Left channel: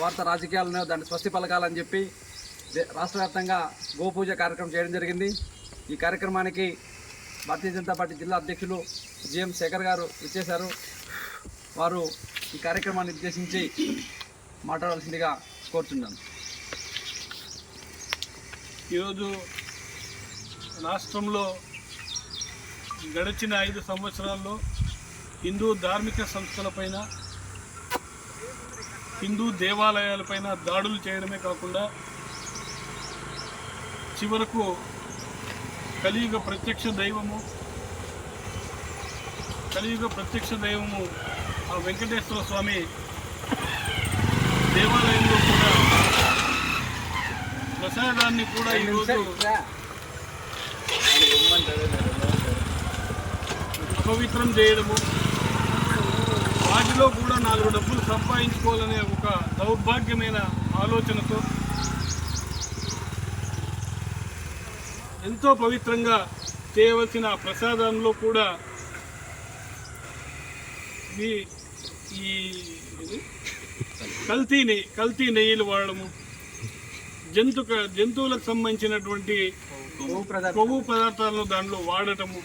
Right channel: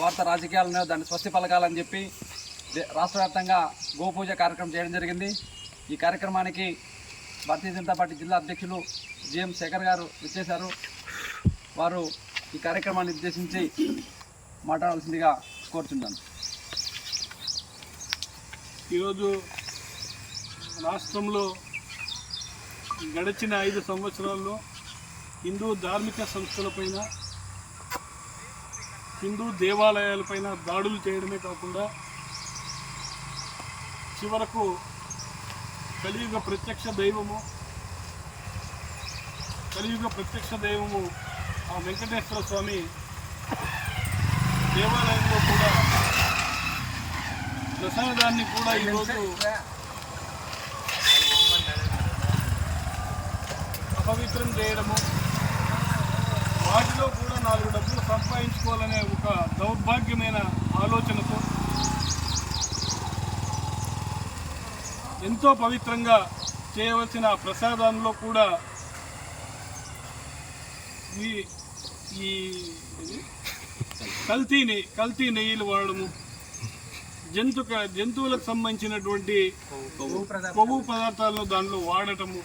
స్వార్థ రాజకీయాలను దాన్ని స్వస్తి పలకాలని చెప్పి దే- రాష్ట్ర వ్యాప్తంగా గోపూజ కార్యక్రమం చేయడం జరిగింది. ఈ కార్యక్రమానికి భారతీయ జనతా పార్టీ జిల్లా అధ్యక్షులు జిఎం శేఖర్ గారు విచ్చేశారు. వారు ఈ కార్యక్రమాన్ని ఉద్దేశించి మాట్లాడాల్సిందిగా కోరుతున్నాను ఈరోజు రాష్ట్రంలో గడిచిన ఐదు సంవత్సరాల్లో హిందూ ధార్మిక సంస్థలపైన హిందూ దేవాలయాలపైన దాడులు చేయడమే కాకుండా చివరకు కలియుగ ప్రత్యక్ష దైవము కలియుగ ప్రత్యక్ష దైవము ఆ వెంకటేశ్వర స్వామి దేవాలయంలో కూడా ప్రసాదాన్ని కూడా ఈరోజు అపవిత్రం చేయడము వాటిలో కూడా నాలుగు డబ్బులు సంపాదించుకోవాలనే ఒక దౌర్భాగ్యమైన ఆలోచనతో ఎంతో పవిత్రంగా చేయవలసిన ప్రసాదంలో కూడా ఈ ఈ కల్తీ నెయ్యి కల్తీ నెయ్యిలు వాడడము జంతు జంతువులకు సంబంధించినటువంటి కొవ్వు పదార్థాలను దాంట్లో వాడటము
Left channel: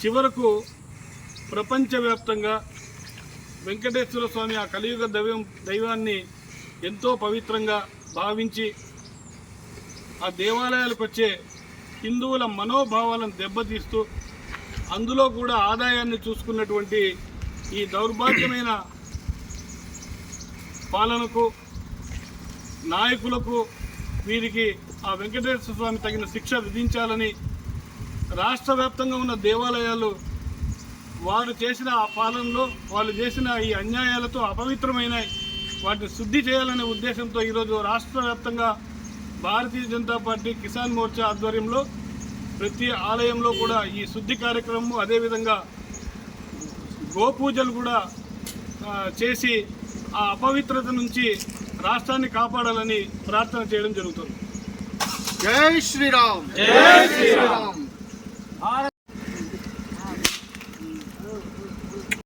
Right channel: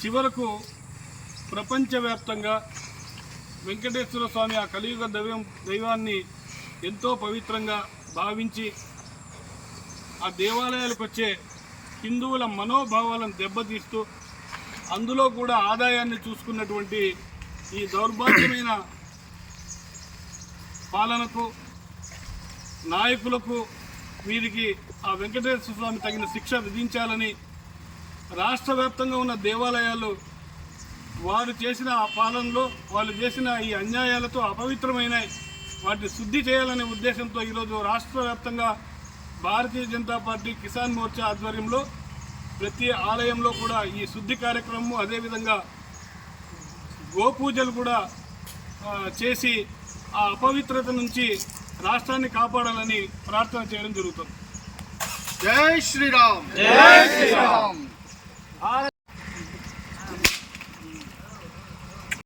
చివరకు ప్రపంచవ్యాప్తంగా వెంకటేశ్వర స్వామి ఆ కలియుగ దైవం దైవాన్ని ఎంతో పవిత్రంగా భావించి ఆ దేవాలయాలకు వచ్చే హిందువుల మనోభావాలను దెబ్బతీస్తూ అందులో కూడా ఆదాయాన్ని చూసుకున్నటువంటి ఈ దౌర్భాగ్యమైన పాలనకు నాయకులకు వీరికి ఆ వెంకటేశ్వర స్వామి తగిన శిక్ష విధించాలని రాష్ట్ర వ్యాప్తంగా ఉన్న దేవాలయాలు వారు చేసిన ఆ పాలనలో వాళ్ళు చేసిన ఈ అన్యాయాలతో అపవిత్రమైనవి వాటిని శుద్ధి చేయాలనే ఉద్దేశంతో ఈరోజు రాష్ట్ర వ్యాప్తంగా భారతీయ జనతా పార్టీ కిసాన్ మోర్చా ఆధ్వర్యంలో ప్రతి ఆలయంలో కూడా ఈ శుద్ధి కార్యక్రమం అదేవిధంగా గోపూజలు కూడా చేసి ఆ అపవిత్రత నుంచి రాష్ట్రాన్ని కాపాడాలని ప్రార్థన చేయడం జరుగుతుంది. జై శ్రీరామ్.